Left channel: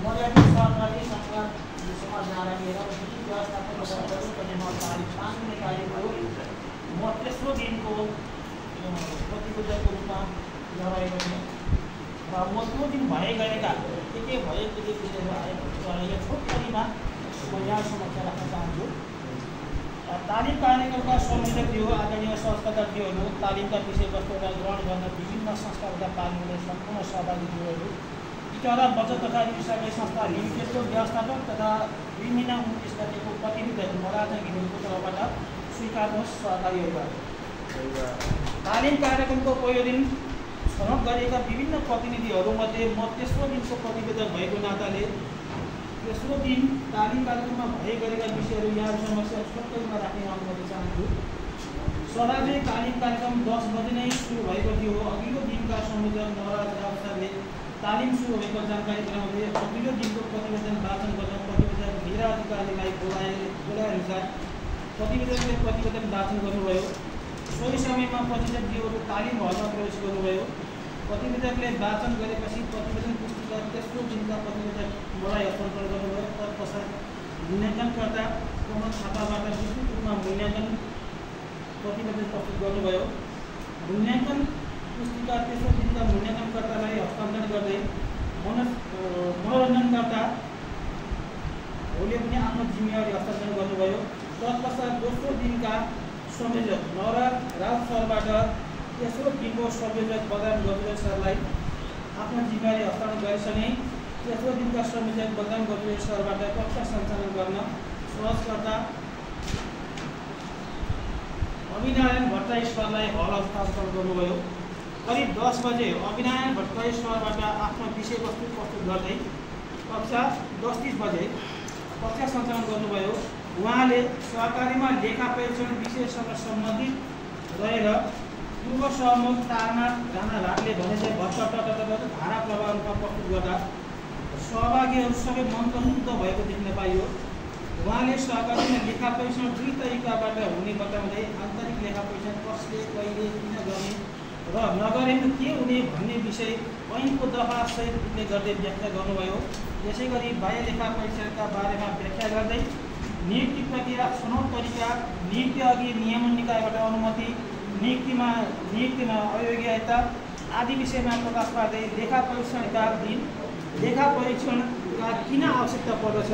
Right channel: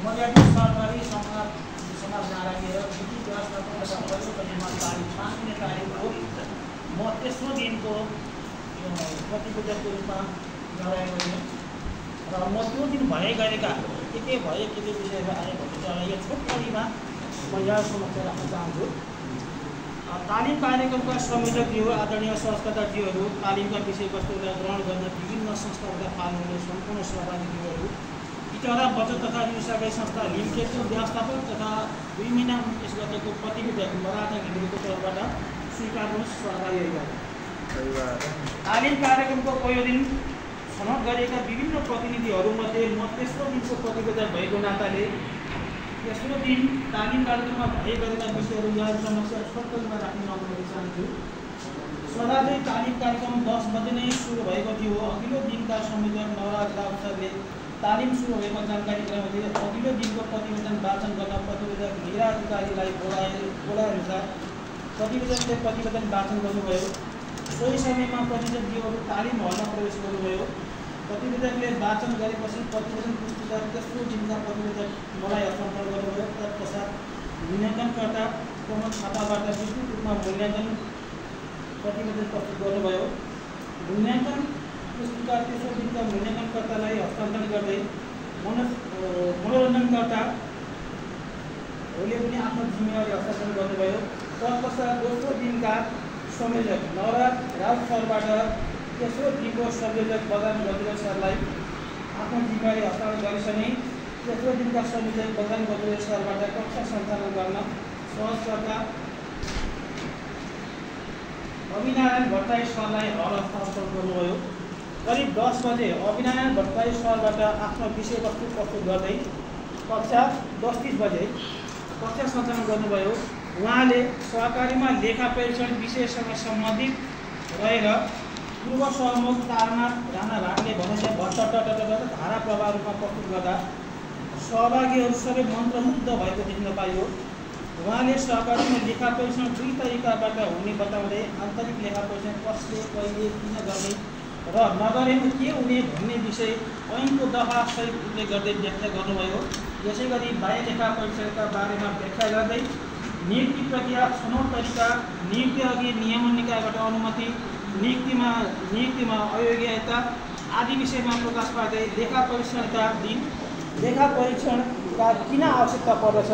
मर्यादित सरकारी समाजमा राखेर विधि व्यवस्थापन र परिषद निर्माण तारिख 5 दिने कार्यको म तेस्रो दिनको प्रतिवेदनको रूपमा लगाएको थिएँ र म त्यो दिन भए गएका के भए के बुझेर आएको यो छोटकरीमा म यहाँ समस्या राख्न चाहन्छु। तालिम कार्यक्रमका संयोजकज्यू आदरणीय सहस्त्रज्यूहरू, तालिमका विषयवस्तुलाई ग्रहण गर्न विभिन्न संस्थाहरूका पाल्ने सम्पूर्ण सहभागीज्यूहरू, इटारा बचत तथा ऋण सहकारी संस्था लिमिटेडको व्यवस्थापक तथा 2 महिना 29 गतेको प्रतिवेदन मलाजहरूको तर्फबाट स्वीकार्नुहोस्। सहकारीहरूलाई तालिम कार्यक्रमको पहिलो दिन छनौट गरिएका विभिन्न प्रतिनिधिहरूमध्ये म तेस्रो दिनको प्रतिवेदन भएको नाताले तेस्रो दिन तालिम कार्यक्रममा भए गरेका विषयहरू यहाँ समक्ष छोटकरीमा राख्ने अनुमति चाहन्छु। सदाझै तालिम कार्यक्रम 10 बजे नै सुरु भएको थियो। अघिल्लो दिनका संयोजक नवराज राव सरले तालिम सुरु भएको जानकारी गराउँदै अघिल्लो दिनको प्रतिवेदन वाचन गर्न प्रतिवेदक हीरा अधिकारीलाई बोलाए अनुसार प्रतिवेदकले प्रतिवेदन वाचन गर्नुभयो। सोही समयमा प्रतिवेदकज्यूहरू तालिम हलमा प्रवेश गर्नुभयो। प्रतिवेदकले वाचन गरेपछि प्रतिवेदन पुस्तिका तेस्रो दिनका प्रतिवेदक मलाई हस्तान्तरण गर्नुभयो। तत्पश्चात मूल्याङ्कनकर्ता प्रमोद थापाबाट विस्तृत रूपमा मूल्याङ्कन प्रतिवेदन प्रस्तुत गर्नुभयो। मूल्याङ्कन पुस्तिका तेस्रो दिनका मूल्याङ्कनकर्तालाई हस्तान्तरण गर्दै मनोरञ्जनकर्ता होले पनि आफ्नो जिम्मेवारी हस्तान्तरण गर्नुभयो। तत्पश्चात दोस्रो दिनका संयोजक नवराज राउत सरबाट तेस्रो दिनको संयोजक बलराम गजुरेल सरलाई आफ्नो जिम्मेवारी हस्तान्तरण गरिसके तेस्रो दिनका संयोजक बलराम गजुरेल सरबाट कक्षा सञ्चालन गर्न सहजकर्ता अभिनारायण भट्टराई सरलाई हल हस्तान्तरण गर्नुभयो। करिब 10 बजे अभिनारायण भट्टराई सरबाट आफ्नो विषयवस्तु प्रस्तुत गर्दै कक्षा 10:30 बजे कक्षा सञ्चालन गर्नुभयो। उहाँले सहकारीमा लेखा परीक्षण विषयसँग सम्बन्धित रहेर पूर्व सहमुख तारनाथ राणा भाटले भनेको धारा प्रवाह रूपमा प्रस्तुत गर्दा सहभागीहरू सबै मन्त्रमुग्ध भएको देख्न पाइयो। उहाँले सहकारीमा लेखा परीक्षण 2 तरिकाबाट हुने बताउँदै आन्तरिक लेखा परीक्षण कसले कहिले किन गर्ने र नगरेमा के हुने भन्ने विषय ऐनको दफा सहित उल्लेख गर्दै व्याख्या गर्नुभयो। यसै गरी बाह्य लेखा परीक्षणका बारेमा व्याख्या गर्दै नियुक्ति प्रक्रिया, छनौट तरिका, नियुक्ति अघि नियमन निकायबाट अनुमति, नियुक्तिमा अयोग्यता आदि विषयमा प्रकाश पार्दै लेखा परीक्षणका दिन लेखा परीक्षणका किन आवश्यकता पर्दछ,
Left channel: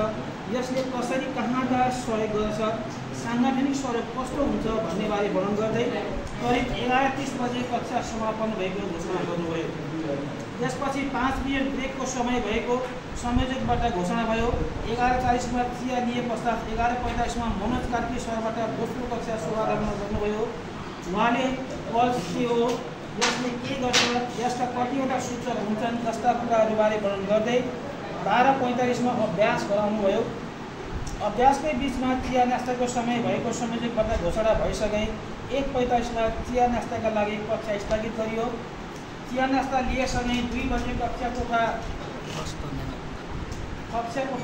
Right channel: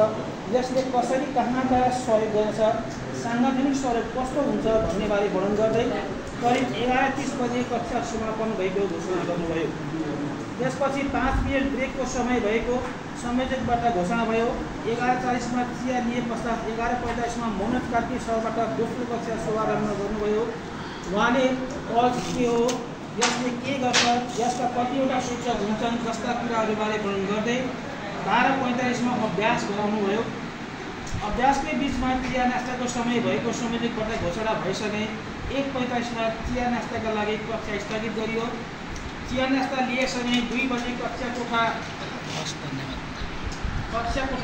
यसले कसरी कहाँबाट सहयोग गर्दछ, साङ्गठनिक स्वरूप कस्तो हुन्छ भन्ने बारे वर्णन गर्दै करिब 11:30 बजे कक्षा समापन भएको घोषणा गर्नुभयो। त्यसपछि 5 मिनट ब्रेकको समय भएको संयोजकबाट घोषणा भयो। 11:40 चिया लिए पश्चात 11:45 मनोज कार्की सरबाट दोस्रो कक्षा शुभारम्भ गर्नुभयो। उहाँले पल्स के हो, यसले के गर्छ, यसका कतिवटा सूचक हुन्छन् जस्ता कुराहरूबारे वर्णन गर्दै 12:45 अभ्यास गराउनुभयो। अभ्यासकै बिचमा चिया नास्ताको समय भएको संयोजकबाट घोषणा भइसके 1:45 चिया नास्ताका लागि कक्षा स्थगित गरियो। चिया नास्ता लिएसँगै 2 बजे कक्षा कोठा